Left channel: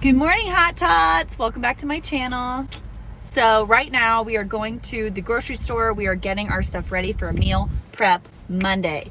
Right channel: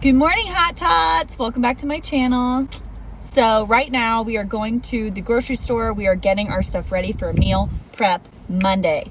Good morning, Hot Tots. Welcome back to my channel. So right now we are going to the grocery store. We are getting our stuff ready for meal prep Monday.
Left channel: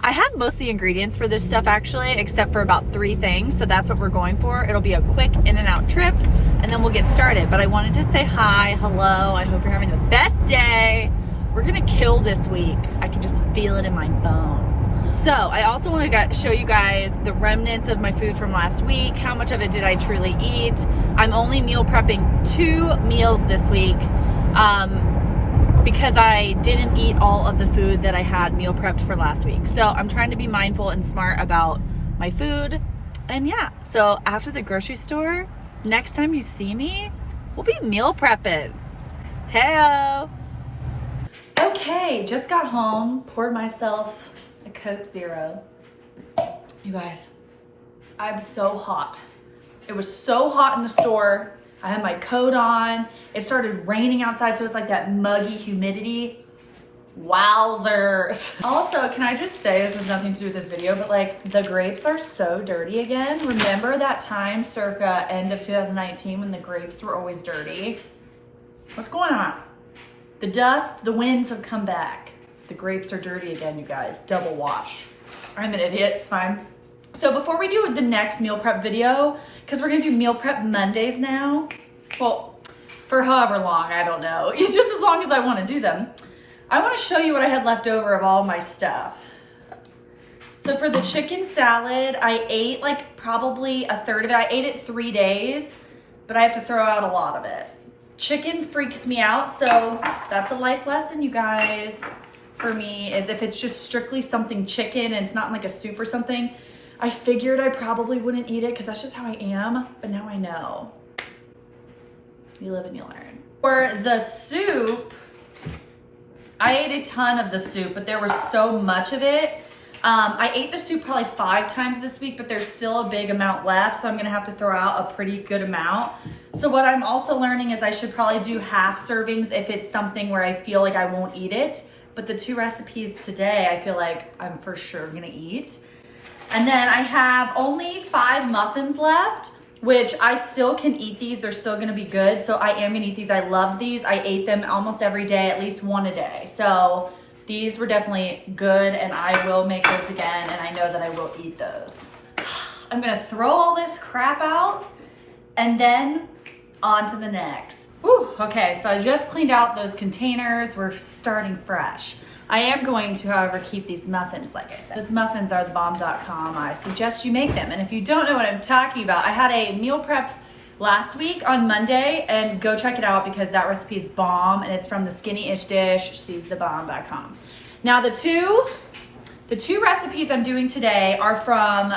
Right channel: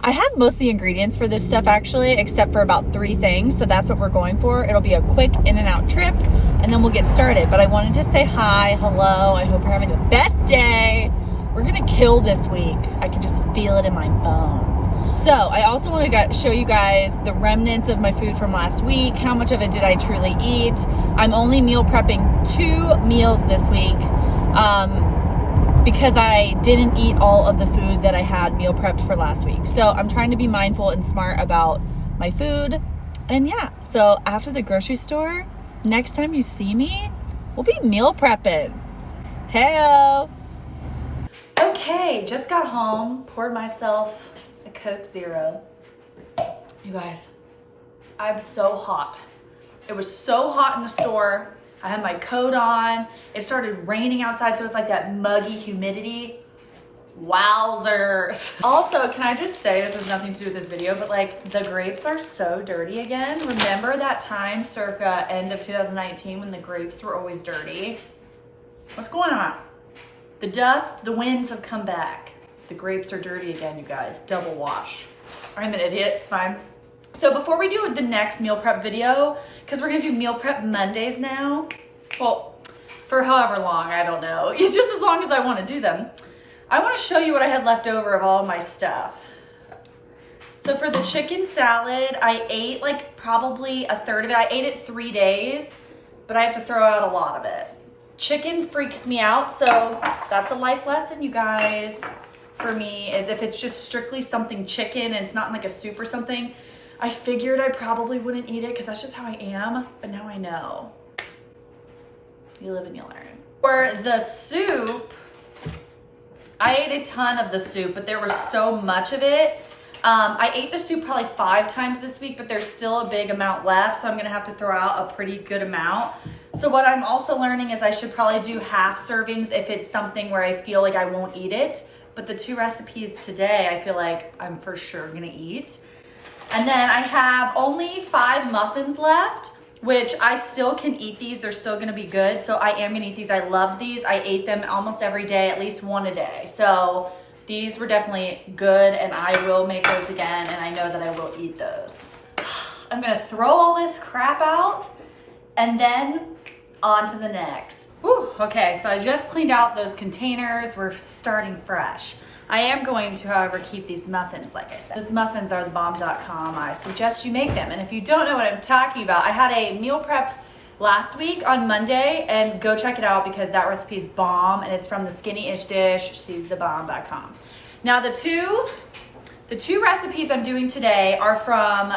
I have most of the ingredients for this stuff actually, except for about 3 things. So that's what we're going for. It'll be a quick in and out trip and then we'll get started. But I wanted to say hi, hello. I hope you're having the best day. We're gonna kill this week. I can just feel it in my bones. So I also want to show you guys the remnants of my food from last week. How much of it did I truly eat? I'm only meal prepping 2 meals this week because I didn't eat all of the food that I had meal prepped for last week. So I'm trying to be mindful and smart about my food. And yeah, so after the grocery store, next time you see me, we'll be meal prepping. Hey-o. Okay, just got home, poured myself a Coke Zero. You guys, I'm so hot. It was so hot in the store. I had my coat on. It started raining outside, so it's like that muggy humidity. Wowzers. Also, can I just say, this has nothing to do with this video, but like the grapes are so dirty again. Remember that time circa end of 2019 when the grapes were always dirty? What's going on? The dust, the winds have come back. The grapes are dirty again, you guys. Double wash. I'm an idiot, it's fine. So before we do the next meal prep video, because we're gonna do meal prep Mondays now, well, for however long, I don't know. It's just as long as I wanna do them. I wanna show you what I had left over of all my stuff. So for the chicken salad, I ate like probably a third of it. I ate it 3 days, but I have to throw out a lot of it. Chicken freaks me out, so that's a life lesson, you guys. For me, is if it's just strictly something chicken and it's not in like a soup or something, I figured I probably wouldn't eat it because that's just how I am, but now I know. You live and you learn. For the soup, I ate a ton of the soup, but there was so much of it. I ate the soup probably 5 times this week, but there's still a big amount left, so I'm gonna have to throw out a pretty good amount. So what I'm also learning is I should probably do half servings if it's something where I feel like I won't eat it. But the 2 recipes today, I feel like I'm for sure gonna eat. And then I have only 5 muffins left, which I still can eat these. They're still gonna be good. So I am gonna eat these. I loved these. I ate them almost every day, at least 1 a day. So these were definitely good and I will make those again and I know that I will eat those. I'm gonna throw all this crap out and then on to the next. Whew, okay, so I just cleaned out those containers. We're starting fresh. I am going to, however, keep these muffins, like I said. These muffins are thebomb.com. I suggest you make them. And if you don't know what I'm talking about, I had a meal prep last week on Monday, and go check it out because that recipe is bomb, and it's from the Skinny-ish dish. She's thebomb.com. Now, the two recipes I'm doing today are from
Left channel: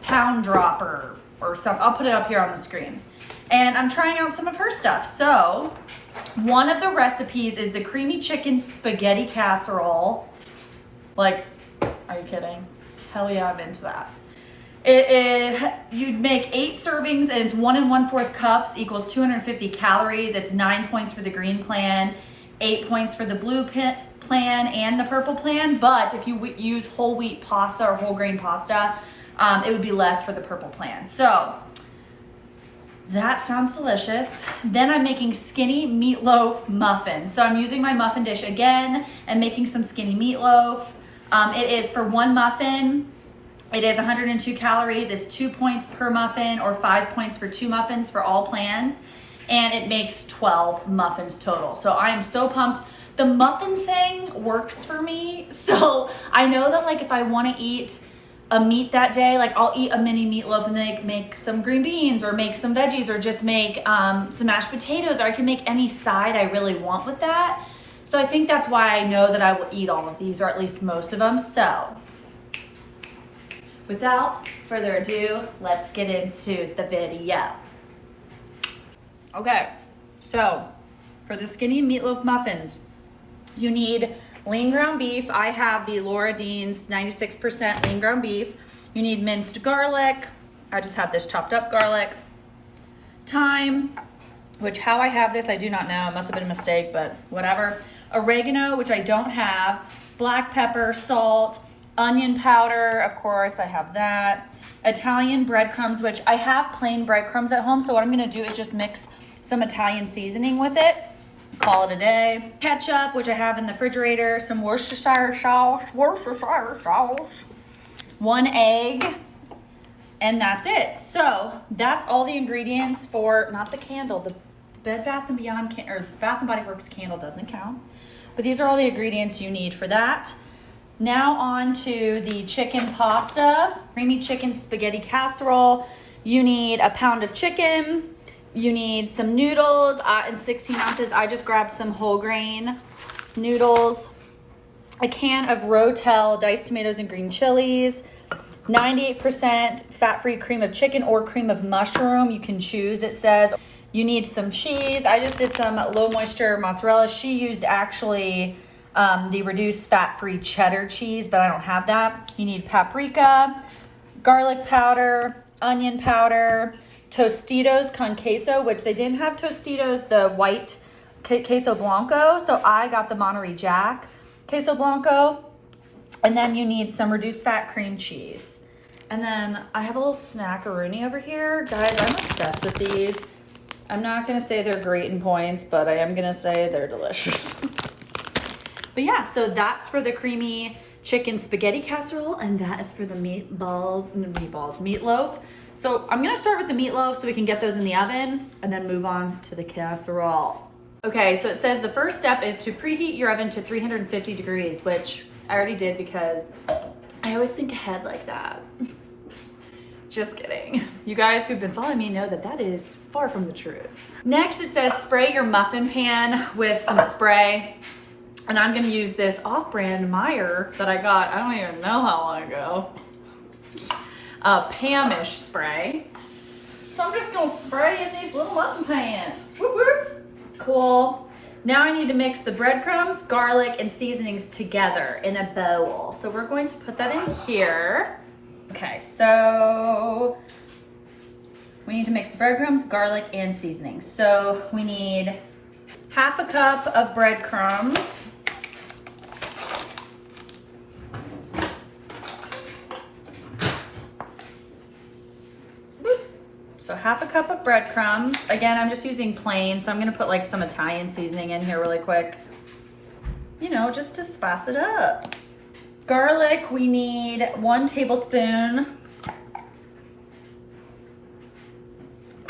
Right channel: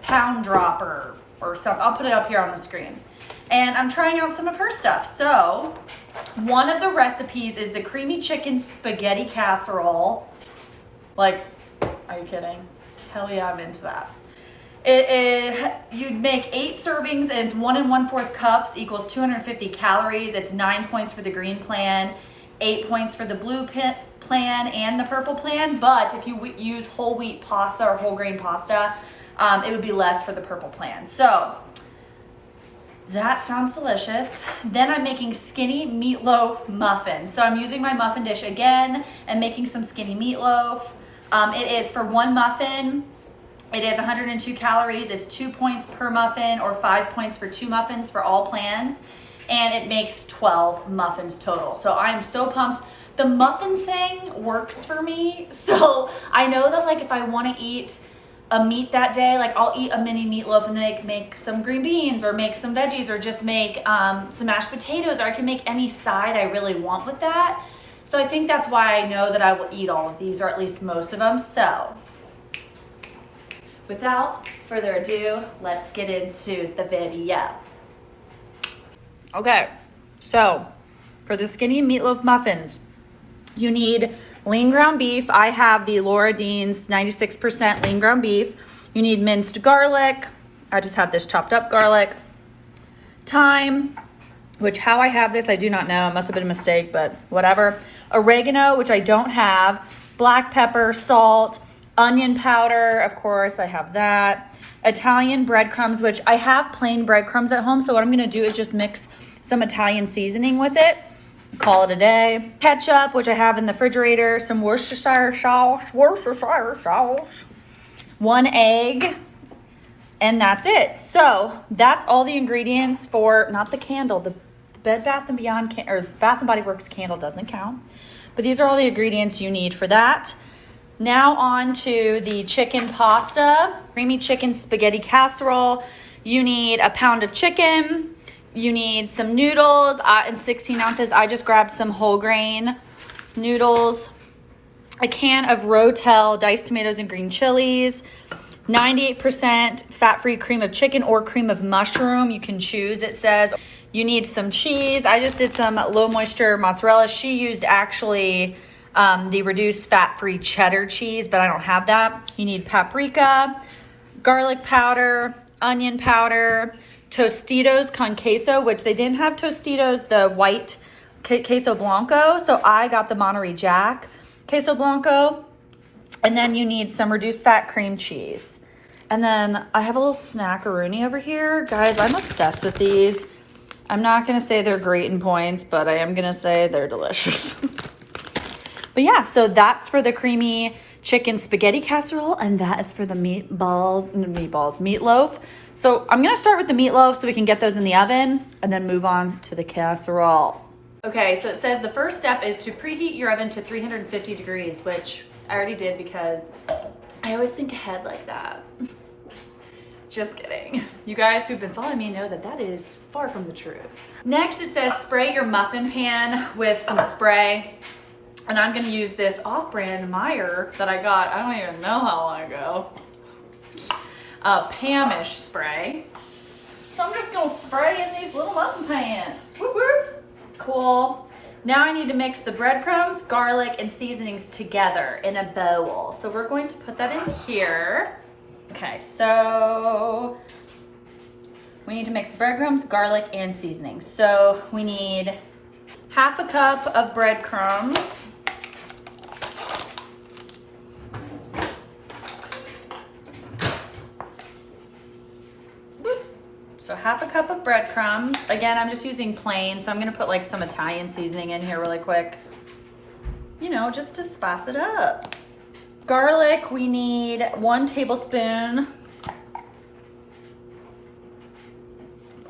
Pound Dropper or some. I'll put it up here on the screen. And I'm trying out some of her stuff. So one of the recipes is the creamy chicken spaghetti casserole. Like, are you kidding? Hell yeah, I'm into that. You'd make 8 servings and it's 1 1/4 cups equals 250 calories. It's 9 points for the green plan, 8 points for the blue plan and the purple plan. But if you use whole wheat pasta or whole grain pasta, it would be less for the purple plan. So that sounds delicious. Then I'm making skinny meatloaf muffins. So I'm using my muffin dish again and making some skinny meatloaf. It is for 1 muffin. It is 102 calories. It's 2 points per muffin or 5 points for 2 muffins for all plans. And it makes 12 muffins total. So I am so pumped. The muffin thing works for me. So I know that like if I want to eat a meat that day, like I'll eat a mini meatloaf and then make some green beans or make some veggies or just make some mashed potatoes, or I can make any side I really want with that. So I think that's why I know that I will eat all of these, or at least most of them. So without further ado, let's get into the video. Okay, so for the skinny meatloaf muffins, you need lean ground beef. I have the Laura Dean's 96% lean ground beef. You need minced garlic. I just have this chopped up garlic. Thyme, which how I have this, I do not know. It must have been a mistake, but whatever. Oregano, which I don't have. Black pepper, salt, onion powder, of course, I have that. Italian breadcrumbs, which I have plain breadcrumbs at home. So what I'm gonna do is just mix some Italian seasoning with it. Call it a day. Ketchup, which I have in the refrigerator. Some Worcestershire sauce. 1 egg. And that's it. So that's all the ingredients for, not the candle, the Bed Bath & Beyond, or Bath & Body Works candle doesn't count. But these are all the ingredients you need for that. Now on to the chicken pasta. Creamy chicken spaghetti casserole. You need a pound of chicken. You need some noodles in 16 ounces. I just grabbed some whole grain noodles. A can of Rotel diced tomatoes and green chilies. 98% fat-free cream of chicken or cream of mushroom. You can choose, it says. You need some cheese. I just did some low moisture mozzarella. She used actually the reduced fat-free cheddar cheese, but I don't have that. You need paprika, garlic powder, onion powder, Tostitos con queso, which they didn't have Tostitos, the white queso blanco. So I got the Monterey Jack queso blanco. And then you need some reduced fat cream cheese. And then I have a little snackaroonie over here. Guys, I'm obsessed with these. I'm not gonna say they're great in points, but I am gonna say they're delicious. But yeah, so that's for the creamy chicken spaghetti casserole, and that is for the meatloaf. So I'm gonna start with the meatloaf so we can get those in the oven and then move on to the casserole. Okay, so it says the first step is to preheat your oven to 350 degrees, which I already did because I always think ahead like that. Just kidding. You guys who've been following me know that that is far from the truth. Next, it says spray your muffin pan with some spray. And I'm gonna use this off-brand Meyer that I got, I don't even know how long ago. Pamish spray. So I'm just gonna spray in these little muffin pans. Whoop whoop. Cool. Now I need to mix the breadcrumbs, garlic, and seasonings together in a bowl. So we're going to put that in here. Okay, so we need to mix the breadcrumbs, garlic, and seasonings. So we need half a cup of breadcrumbs. So half a cup of breadcrumbs. Again, I'm just using plain, so I'm gonna put like some Italian seasoning in here really quick. You know, just to spice it up. Garlic, we need 1 tablespoon.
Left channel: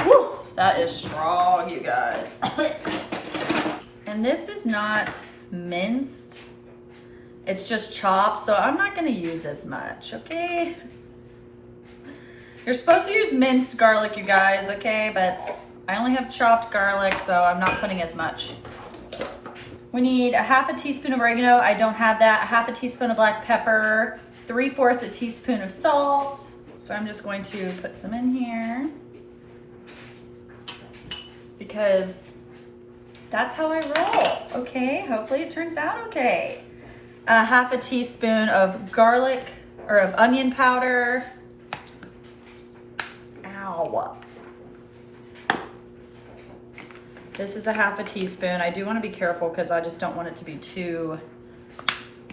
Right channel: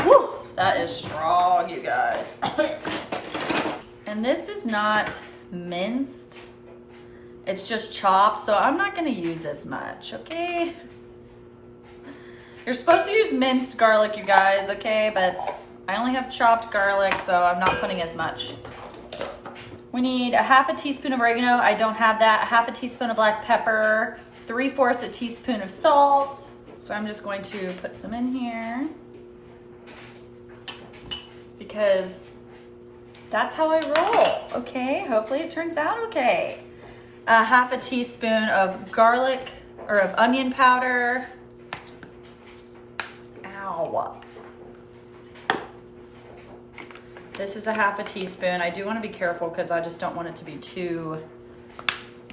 Woo, that is strong, you guys. And this is not minced. It's just chopped, so I'm not gonna use as much, okay? You're supposed to use minced garlic, you guys, okay? But I only have chopped garlic, so I'm not putting as much. We need a half a teaspoon of oregano. I don't have that. A half a teaspoon of black pepper, 3/4 a teaspoon of salt. So I'm just going to put some in here because that's how I roll, okay? Hopefully it turns out okay. A half a teaspoon of garlic or of onion powder. Ow. This is a half a teaspoon. I do want to be careful because I just don't want it to be too,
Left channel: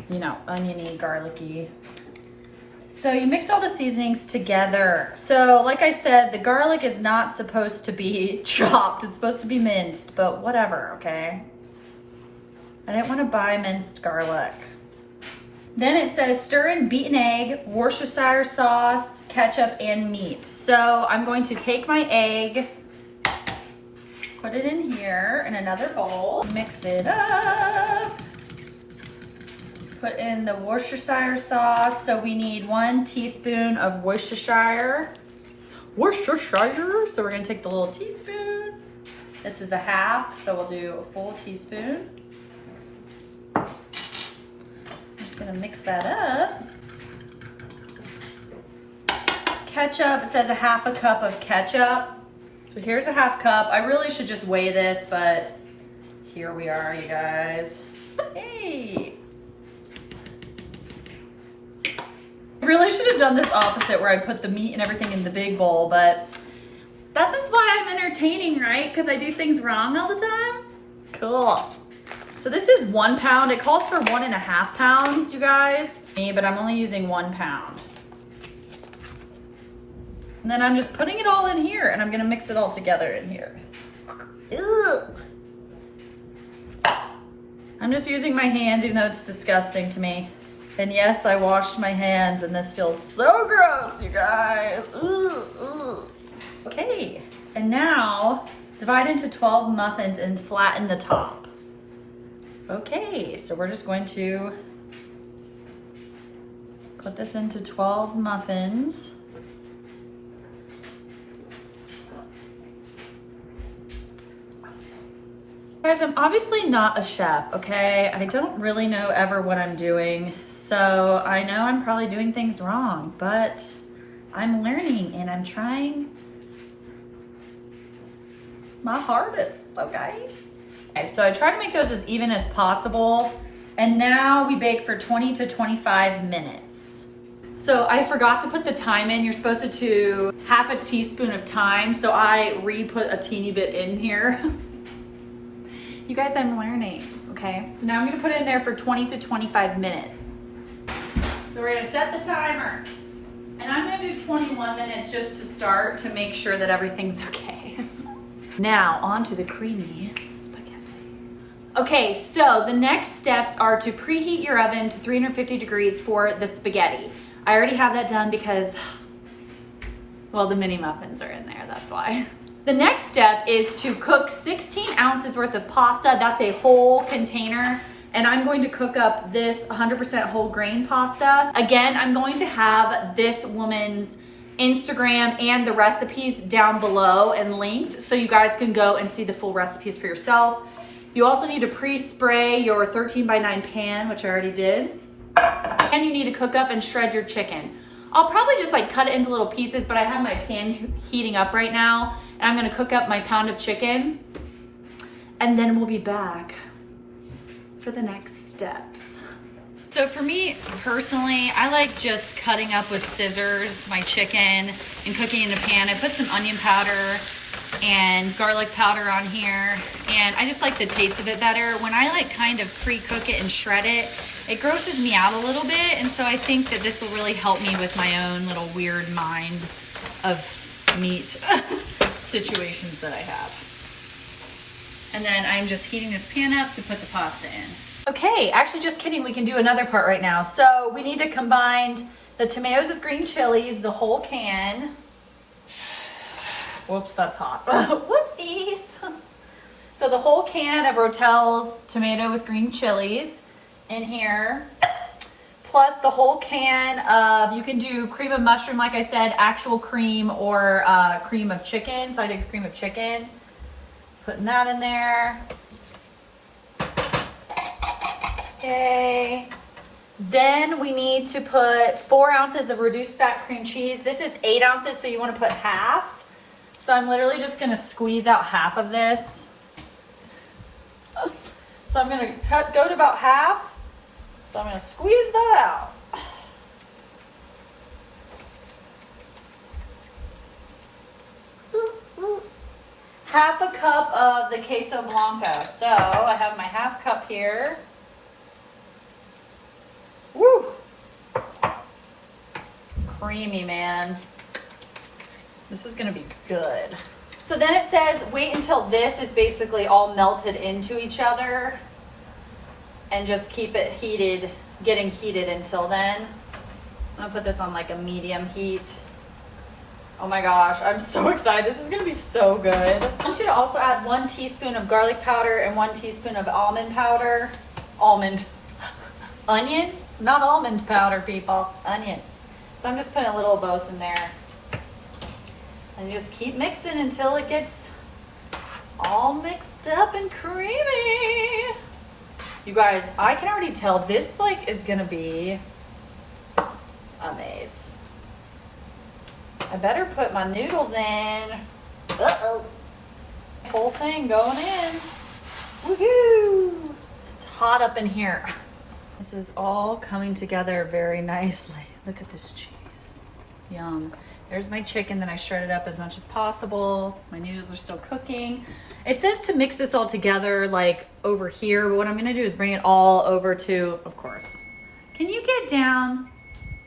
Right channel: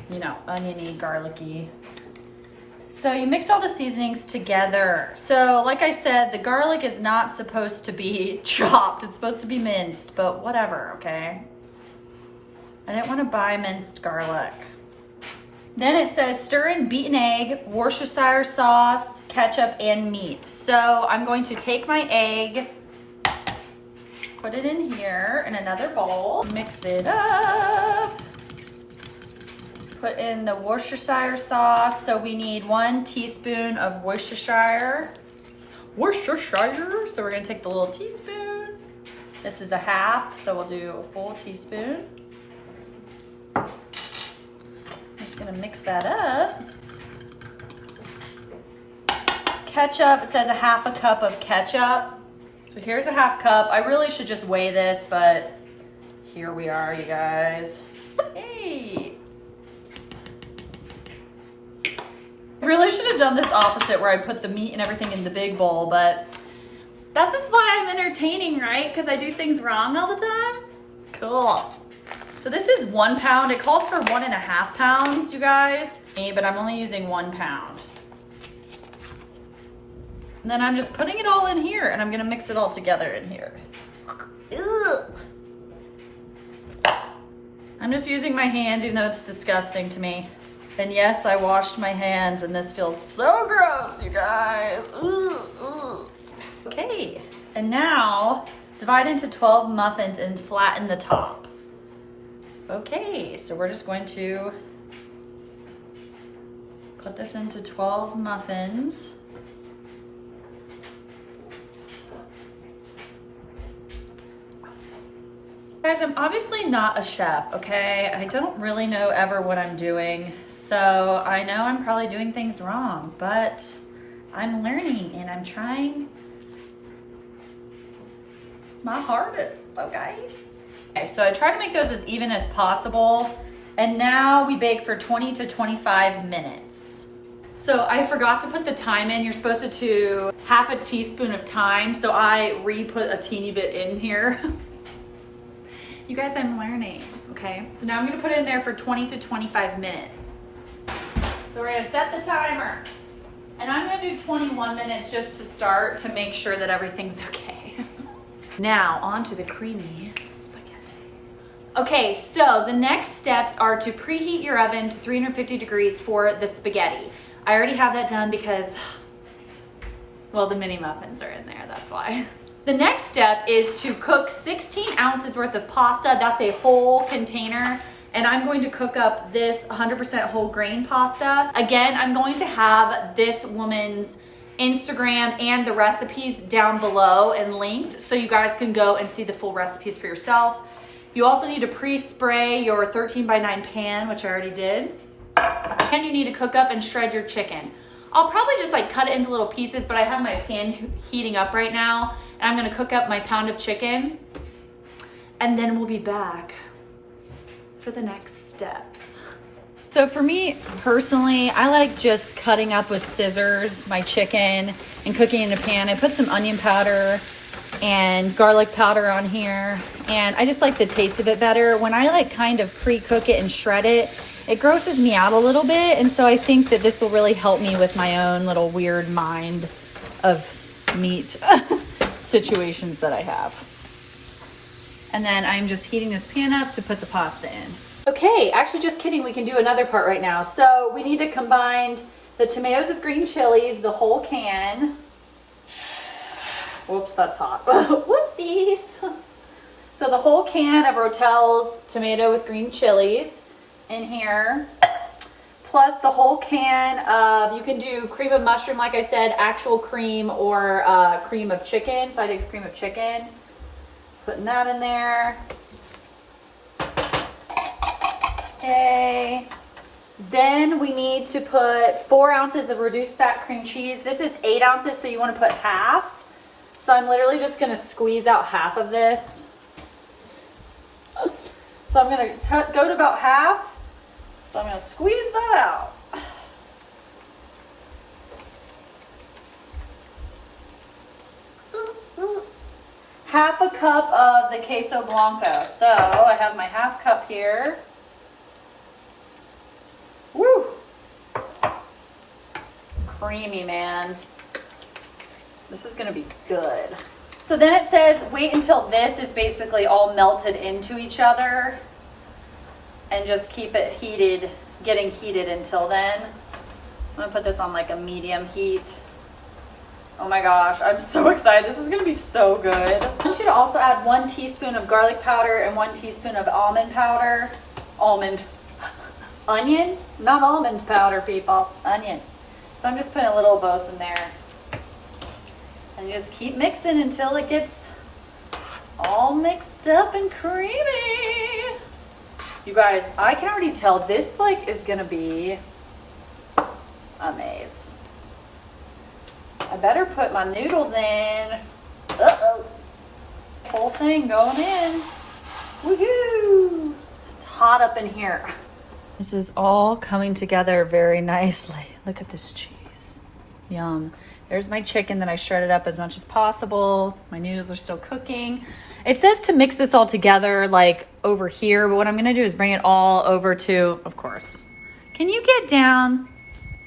you know, oniony, garlicky. So you mix all the seasonings together. So like I said, the garlic is not supposed to be chopped. It's supposed to be minced, but whatever, okay? I didn't want to buy minced garlic. Then it says stir in beaten egg, Worcestershire sauce, ketchup, and meat. So I'm going to take my egg, put it in here in another bowl, mix it up, put in the Worcestershire sauce. So we need 1 teaspoon of Worcestershire. So we're gonna take the little teaspoon. This is a half, so we'll do a full teaspoon. I'm just gonna mix that up. Ketchup, it says a half a cup of ketchup. So here's a half cup. I really should just weigh this, but here we are, you guys. Hey. I really should have done this opposite where I put the meat and everything in the big bowl, but that's just why I'm entertaining, right? Because I do things wrong all the time. Cool. So this is 1 pound. It calls for 1.5 pounds, you guys. But I'm only using 1 pound. And then I'm just putting it all in here and I'm gonna mix it all together in here. Ugh. I'm just using my hands even though it's disgusting to me. And yes, I washed my hands and this feels so gross, you guys. Ugh. Okay, and now divide into 12 muffins and flatten the top. Okay, so we're just going to put this into 12 muffins. Guys, I'm obviously not a chef, okay? I don't really know ever what I'm doing. So I know I'm probably doing things wrong, but I'm learning and I'm trying my hardest, okay? Okay, so I try to make those as even as possible. And now we bake for 20 to 25 minutes. So I forgot to put the thyme in. You're supposed to do half a teaspoon of thyme. So I re-put a teeny bit in here. You guys, I'm learning, okay? So now I'm gonna put it in there for 20 to 25 minutes. So we're gonna set the timer. And I'm gonna do 21 minutes just to start to make sure that everything's okay. Now, on to the creamy spaghetti. Okay, so the next steps are to preheat your oven to 350 degrees for the spaghetti. I already have that done because, well, the mini muffins are in there, that's why. The next step is to cook 16 ounces worth of pasta. That's a whole container. And I'm going to cook up this 100% whole grain pasta. Again, I'm going to have this woman's Instagram and the recipes down below and linked so you guys can go and see the full recipes for yourself. You also need to pre-spray your 13x9 pan, which I already did. And you need to cook up and shred your chicken. I'll probably just like cut it into little pieces, but I have my pan heating up right now and I'm gonna cook up my pound of chicken and then we'll be back for the next steps. So for me personally, I like just cutting up with scissors my chicken and cooking in a pan. I put some onion powder and garlic powder on here and I just like the taste of it better. When I like kind of pre-cook it and shred it, it grosses me out a little bit, and so I think that this will really help me with my own little weird mind of meat situations that I have. And then I'm just heating this pan up to put the pasta in. Okay, actually just kidding, we can do another part right now. So we need to combine the tomatoes with green chilies, the whole can. Whoops, that's hot. Whoopsies. So the whole can of Rotel's tomato with green chilies in here, plus the whole can of, you can do cream of mushroom, like I said, actual cream or cream of chicken. So I did cream of chicken, putting that in there. Okay. Then we need to put 4 ounces of reduced fat cream cheese. This is 8 ounces, so you want to put half. So I'm literally just going to squeeze out half of this. So I'm going to go to about half. So I'm going to squeeze that out. Half a cup of the queso blanco. So I have my half cup here. Woo! Creamy, man. This is gonna be good. So then it says, wait until this is basically all melted into each other and just keep it heated, getting heated until then. I'm gonna put this on like a medium heat. Oh my gosh, I'm so excited. This is gonna be so good. I want you to also add 1 teaspoon of garlic powder and 1 teaspoon of almond powder. Onion, not almond powder, people, onion. So I'm just putting a little of both in there. And just keep mixing until it gets all mixed up and creamy. You guys, I can already tell this like is gonna be amazing. I better put my noodles in. Uh-oh. Whole thing going in. Woohoo! It's hot up in here. This is all coming together very nicely. Look at this cheese. Yum. There's my chicken that I shredded up as much as possible. My noodles are still cooking. It says to mix this all together like over here, but what I'm gonna do is bring it all over to, of course. Can you get down?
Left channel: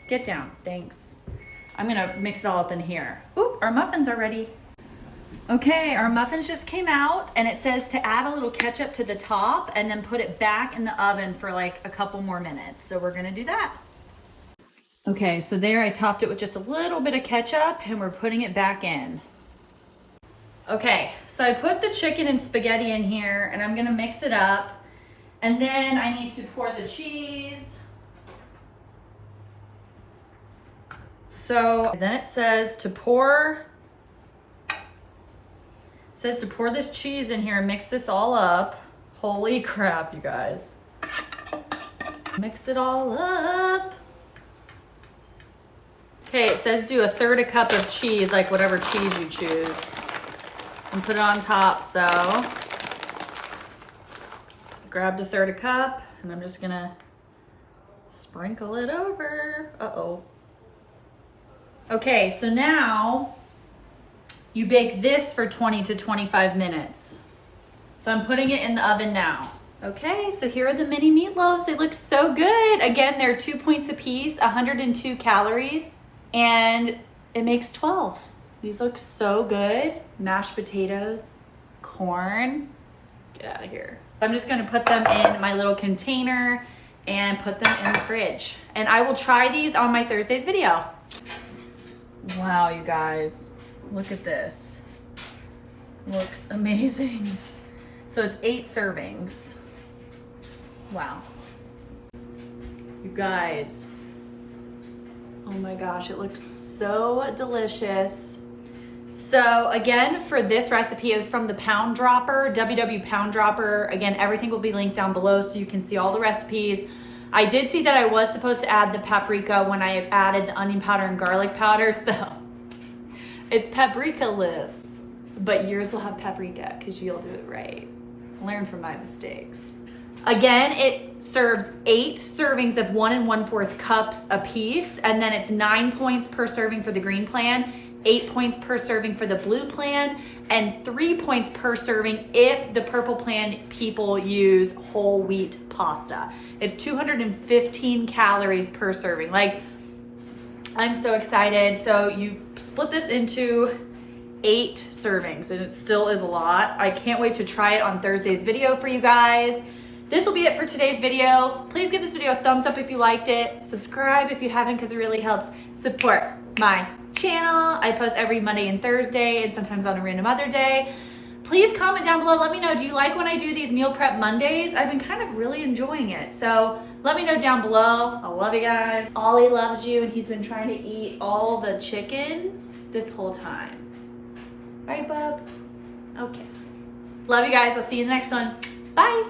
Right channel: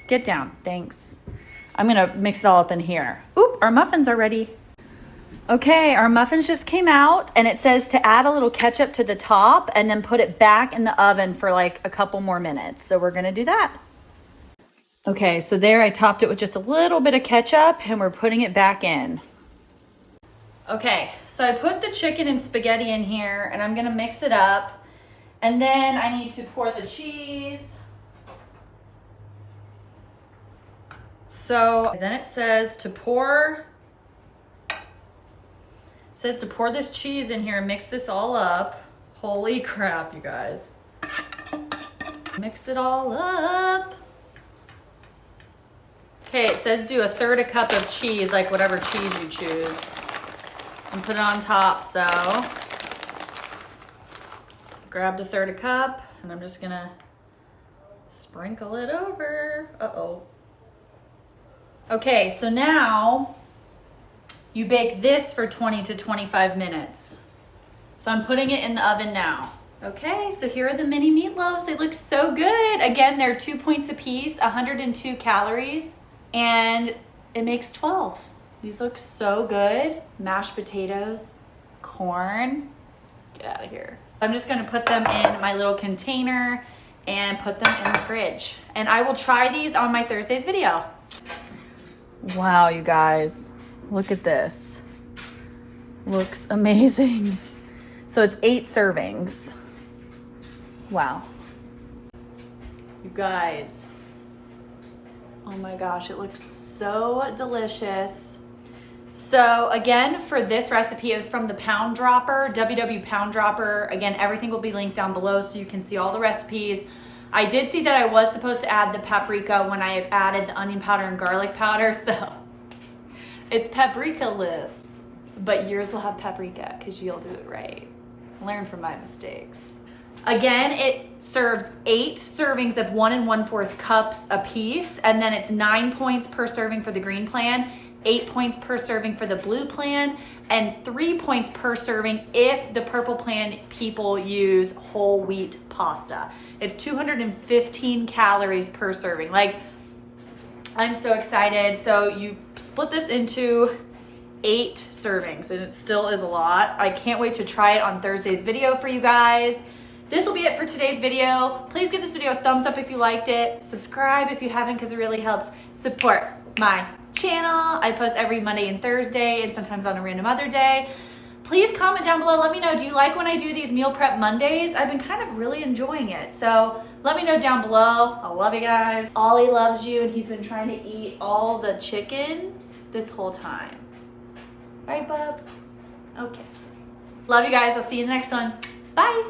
Get down, thanks. I'm gonna mix it all up in here. Oop, our muffins are ready. Okay, our muffins just came out and it says to add a little ketchup to the top and then put it back in the oven for like a couple more minutes. So we're gonna do that. Okay, so there I topped it with just a little bit of ketchup and we're putting it back in. Okay, so I put the chicken and spaghetti in here and I'm gonna mix it up. And then I need to pour the cheese. So then it says to pour this cheese in here and mix this all up. Holy crap, you guys. Mix it all up. Okay, it says do a third a cup of cheese, like whatever cheese you choose. And put it on top, so. Grabbed a third a cup and I'm just gonna sprinkle it over. Uh-oh. Okay, so now you bake this for 20 to 25 minutes. So I'm putting it in the oven now. Okay, so here are the mini meatloaves. They look so good. Again, they're 2 points a piece, 102 calories, and it makes 12. These look so good. Mashed potatoes, corn. Get out of here. I'm just gonna put them in my little container and put them in the fridge. And I will try these on my Thursday's video. Wow, you guys, look at this. Looks amazing. So it's 8 servings. Wow. You guys, oh my gosh, it looks so delicious. So again, for this recipe, it was from the Pound Dropper, WWPOUNDDROPPER. Again, everything will be linked down below so you can see all the recipes. I did see that I was supposed to add the paprika when I added the onion powder and garlic powder, so it's paprika-less, but yours will have paprika because you'll do it right. Learn from my mistakes. Again, it serves 8 servings of 1 1/4 cups a piece, and then it's 9 points per serving for the green plan, 8 points per serving for the blue plan, and 3 points per serving if the purple plan people use whole wheat pasta. It's 215 calories per serving. Like, I'm so excited. So you split this into 8 servings and it still is a lot. I can't wait to try it on Thursday's video for you guys. This will be it for today's video. Please give this video a thumbs up if you liked it. Subscribe if you haven't because it really helps support my channel. I post every Monday and Thursday and sometimes on a random other day. Please comment down below. Let me know, do you like when I do these meal prep Mondays? I've been kind of really enjoying it. So let me know down below. I love you guys. Ollie loves you and he's been trying to eat all the chicken this whole time. Right, bub? Okay. Love you guys. I'll see you in the next one. Bye.